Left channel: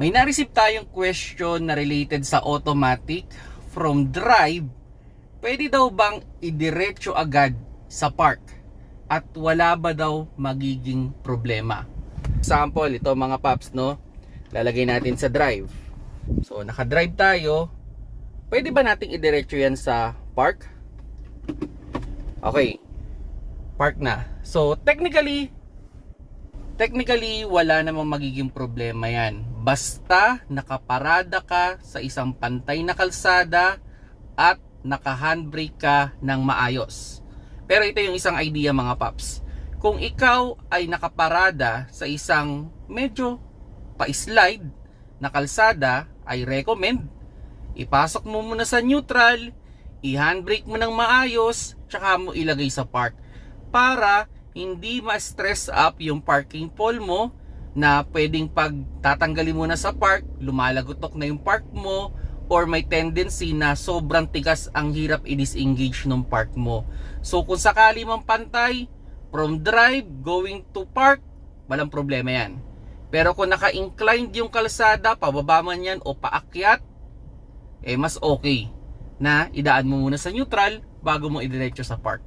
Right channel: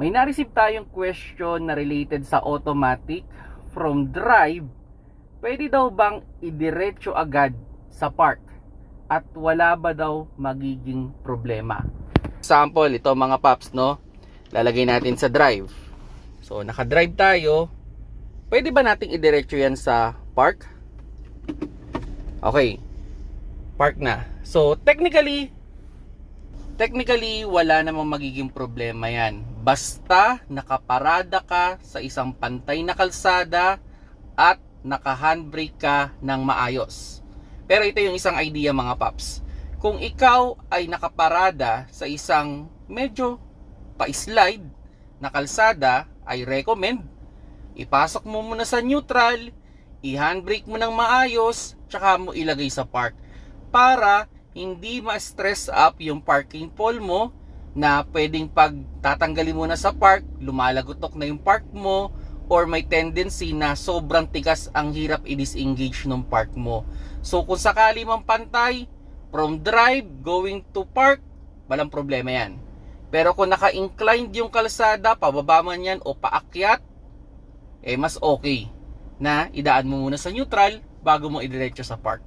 May na-receive tayong question na related sa automatic from drive. Pwede daw bang idiretso agad sa park? At wala ba daw magiging problema? Example, ito mga paps, no? Lalagay natin sa drive. So, naka-drive tayo. Pwede ba nating idiretso yan sa park? Okay. Park na. So, technically, technically, wala namang magiging problema yan. Basta nakaparada ka sa isang pantay na kalsada at naka-handbrake ka ng maayos. Pero ito yung isang idea mga paps. Kung ikaw ay nakaparada sa isang medyo pa-slide na kalsada, ay recommend ipasok mo muna sa neutral, i-handbrake mo ng maayos, tsaka mo ilagay sa park para hindi ma-stress up yung parking pole mo na pwedeng pag tatanggalin mo na sa park, lumalagotok na yung park mo or may tendency na sobrang tigas ang hirap i-disengage ng park mo. So kung sakali mang pantay, from drive going to park, walang problema yan. Pero kung naka-inclined yung kalsada, pababa man yan o paakyat, eh mas okay na idaan mo muna sa neutral bago mo idiretso sa park.